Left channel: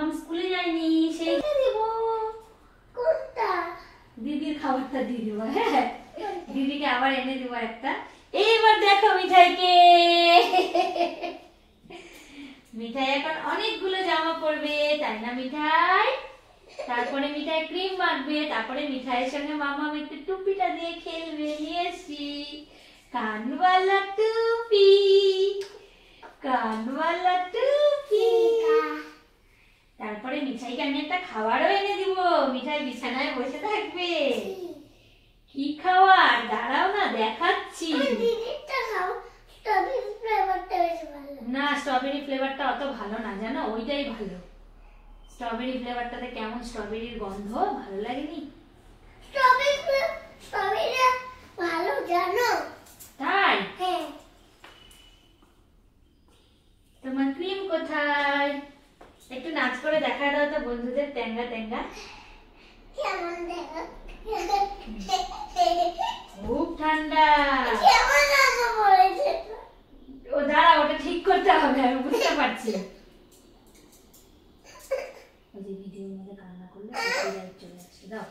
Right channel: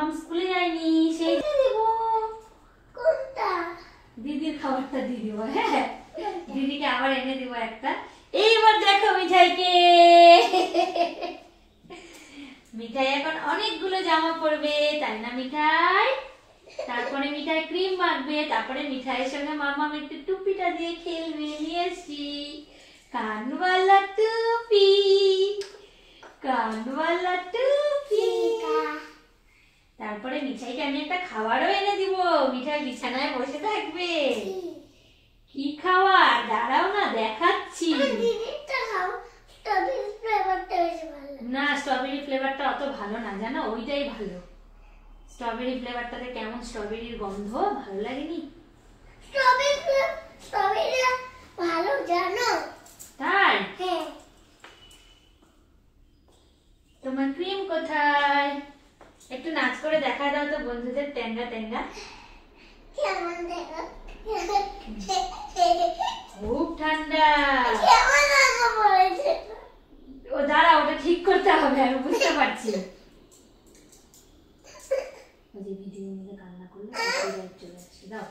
মাম্মাম স্কুলে যায়নি, সেই দেব। কোনটা? দিদির খাবারটা দিয়ে দেবো। হ্যাঁ, দিদিকে আবার এনে দেবো একটা। এইবার দেখো মিঠাইকে। মিঠাই এখন অনেকগুলো জামা পরবে, তাই না মিঠাই? তারপরে মিঠাই ক্রিম মাখবে, তারপরে মিঠাইয়ের সঙ্গে মাম্মাম একটু টুপিটা দিয়ে খেলবে। নিয়ে এসছি কানওয়ালা টুপি, কানওয়ালা টুপি। তারপরে মিঠাইকে আমি একটা খাবারও এনে দিব, মিঠাই বিছানায় বসে থাকবে। কি খাবার? দাঁড়াও না, দেখাচ্ছি। না, স্ট্রবেরি ফ্লেভারটা অত ভালো না জানো, ওইটাই ভালো। স্ট্রবেরি ফ্লেভারটাতে কেমন স্ট্রবেরির গন্ধ, ভালো লাগেনি? স্ট্রবেরি ভালো জানো? তাই? হ্যাঁ। তোমার ক্রিম কোথায়? একটু নাচ করে দেখা দাও তো বন্ধুদের, ট্যাঙ্গা ট্যাঙ্গা। কেমন দেখো? খুব ঠান্ডা। কেমন লাগা পড়েছে? ও দাঁড়া, ওটা ঠিক করতে হবে, আমি বুঝতে পারছি। ওই যে ভিডিওর মধ্যে কান্না করলে কপিরাইট চলে আসছে। দাও।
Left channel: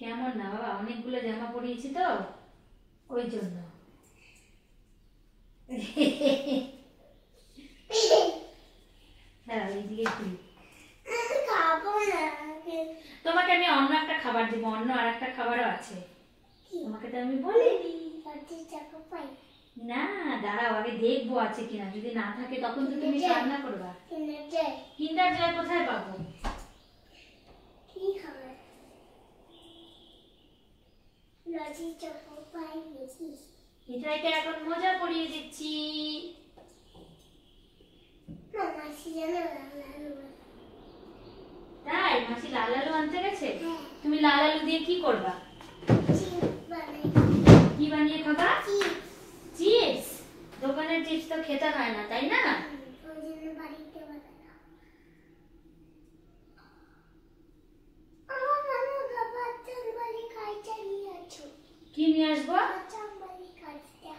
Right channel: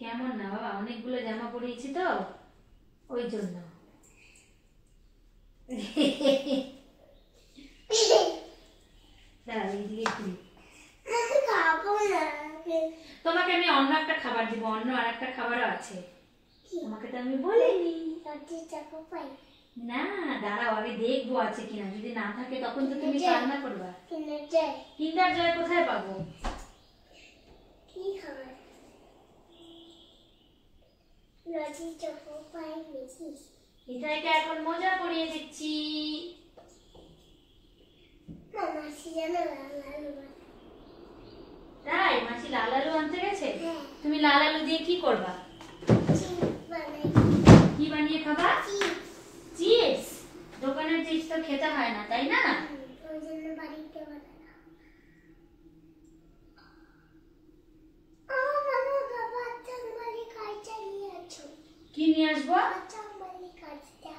কেমন না বাবা, অনেকগুলো জামা পরিয়েছি তো ওই জন্য। দাঁড়াও, এইদিকে ঘুরি। তোমাকে আমি অন্য একটা খাবার দিব, অন্য আর একটা খাবারও আছে, তোমাকে তো আমি বলিনি। না দাঁড়াও, আগে দেখবো আছে কিনা, যদি না থাকে তখন তো তুমি রান্না করবা। কিন্ডার জয় কোথায় পাবো? কি খাবার? লজি চকো পাই বেশি। মিঠাইকে এখন মোজা পরিয়ে দিচ্ছি। মাসি জানো লালু? তাই? মাসি লাল আলু আনতে গেছে? হ্যাঁ। তুমি লাল আলু দিয়ে কি করবা? কি বানিয়ে খাবা? চিপস। দোকানের চিপস তো খেতে হয় না, তাই না? ওই জন্য বাড়িতে বানানো। আমার মামু বাচ্চার বাড়ি কাইটা নিয়ে আছো। কি নিয়ে আসবো? বাচ্চার বাড়ি কাইটা।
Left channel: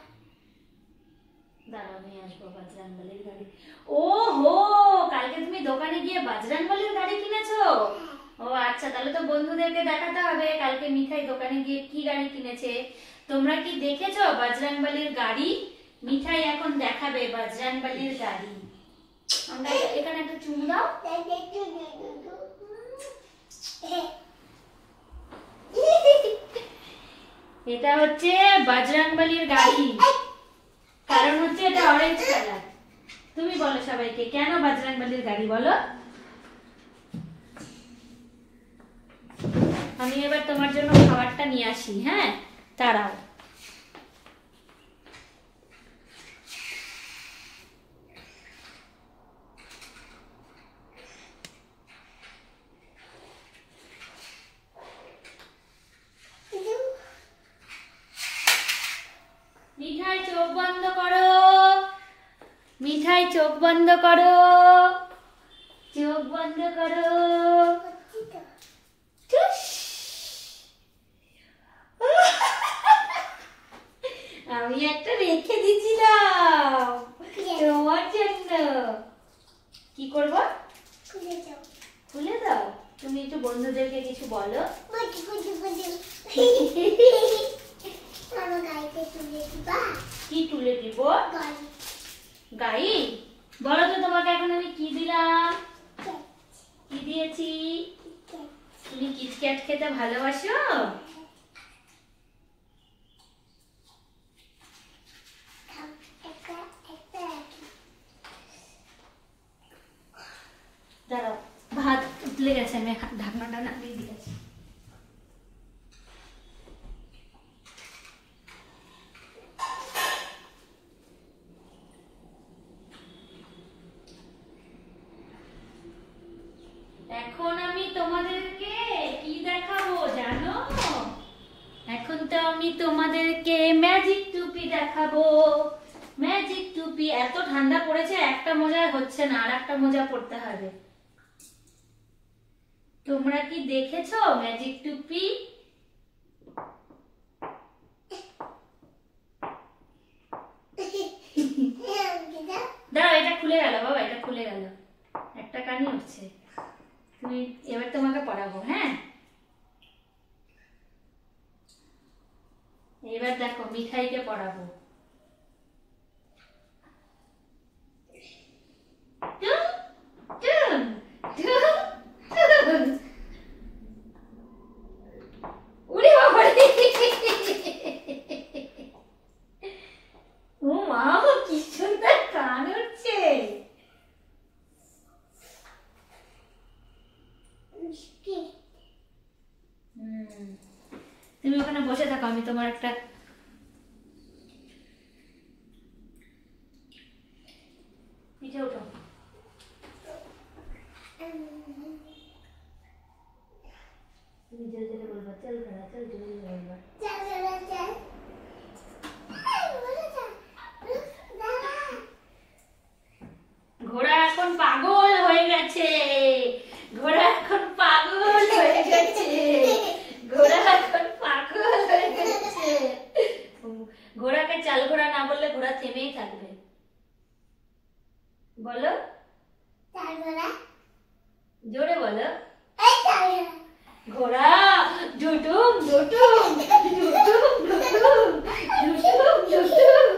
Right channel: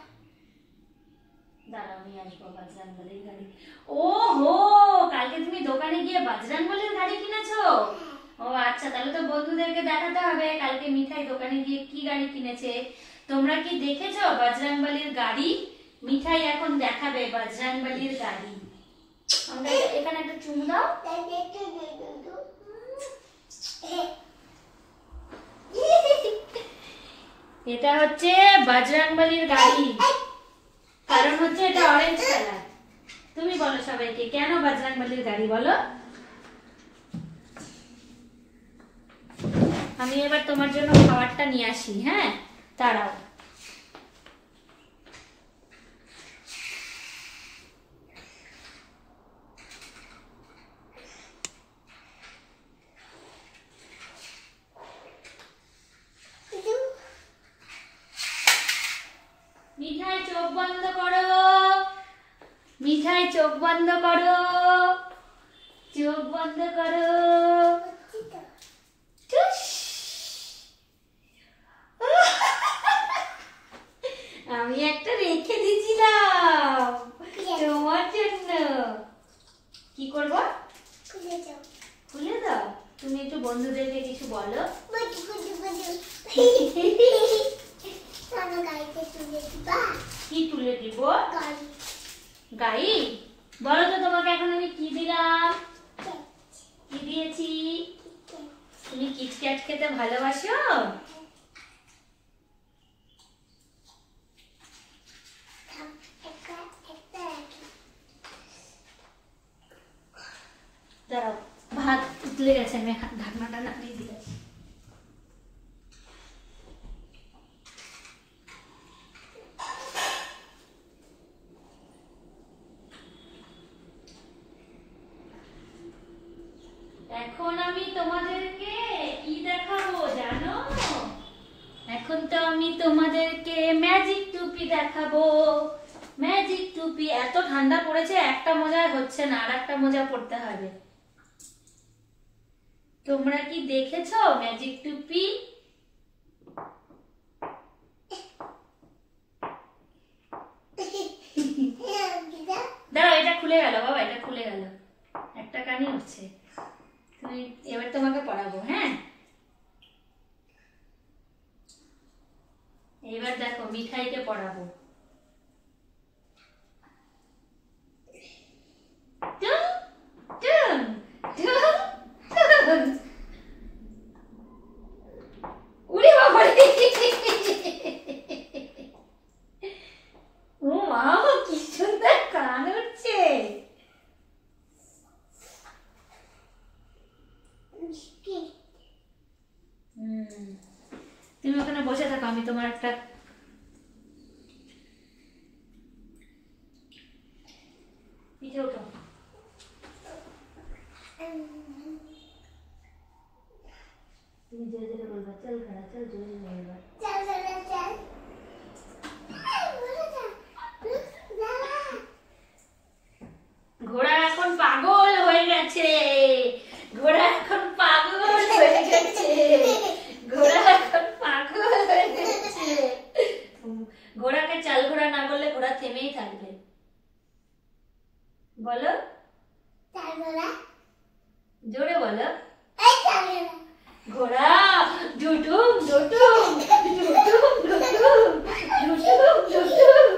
দাঁড়াও, নিয়ে আসবো বাজরাঙ্গলির গাড়ি। ও হো, কালকে তুমি দোকানে গিয়ে বাজরাঙ্গলির গাড়ি কিনেছো? ও আচ্ছা, তাহলে তো বন্ধুদেরকে দেখাতে হবে কালকে মিঠাই দোকানে গিয়ে কি গাড়ি কিনেছে। তোমরা কি দেখেছো বাজরাঙ্গলির গাড়ি? মিঠাই এখন দেখাবে বাজরাঙ্গলির গাড়ি। আমরা এখানে একটা চুমু দাও। এটা হচ্ছে বাজরাঙ্গলির গাড়ি, কারণ হচ্ছে এটা অরেঞ্জ কালার। তুমি বলো সবাইকে কেন বাজরাঙ্গলির গাড়ি বলো। আমি এবার তোমার জন্য খাবারটা নিয়ে আসি। হ্যাঁ, দাঁড়াও। মিঠাই চোখ বন্ধ করো, মিঠাই চোখ বন্ধ করো, চোখ বন্ধ করো। আমি একটা রেখে দিয়েছিলাম তোমার জন্য। কি করব? খুলে দাও। তুমি একটু বন্ধুদেরকে কিছু বলো। কি তুলে দিব? গাড়ি। বলো তো তোমাকে এখন আমি কি দিলাম? কি দিয়েছি? তুমি কিটক্যাট খেতে ভালোবাসো? দাঁড়াও, ভাত উতলে গেছে, আমি ঢাকনাটা নামিয়ে দিয়েছি। এখন আমি তোমাদেরকে কি দেখাবো জানো? এখন তো আমি তোমাদেরকে ম্যাজিক টুপি দেখাবো। ম্যাজিক টুপি। এত ঠান্ডা পড়েছে, একটা মোজায় হচ্ছে না, আর একটা মোজা পরতে হবে। তোমরা কি দেখেছো ম্যাজিক টুপি? দাঁড়াও, এটা খুলে গেল বাবা, এটা খুলে গেল, একটা কানই উঠছে। তুমি এবার তোমাকে পড়াবো, হ্যাঁ? এবার দেখো মিঠাইকে পড়াবো। টুন টুন টুন টুন। উড়ে বাবা রে! ও মা, কি সুন্দর কান উঠছে। মিষ্টি। তুমি ওখানে বসে থাকো, আমি তোমার একটা পিঠে ওঠো। তুমি জোরে জোরে বলবা, চল খাড়া চল, জোরে জোরে বলবা। চল চল চল। এই বলে যা। দাঁড়া। ঘোড়া এখন পাগল হয়ে গেছে, ঘোড়া এখন পাগল হয়ে গেছে, ঘোড়া এখন পাগল হয়ে গেছে। ঘোড়াকে চাল ঘোড়া না বললে ঘোড়া থেমেই থাকবে। বলো, তারপরে জোরে বলো। এই তারপরে ঘোড়া ডুডুম ডুডুম ডুডুম ডুডুম ডুডুম ডুডুম।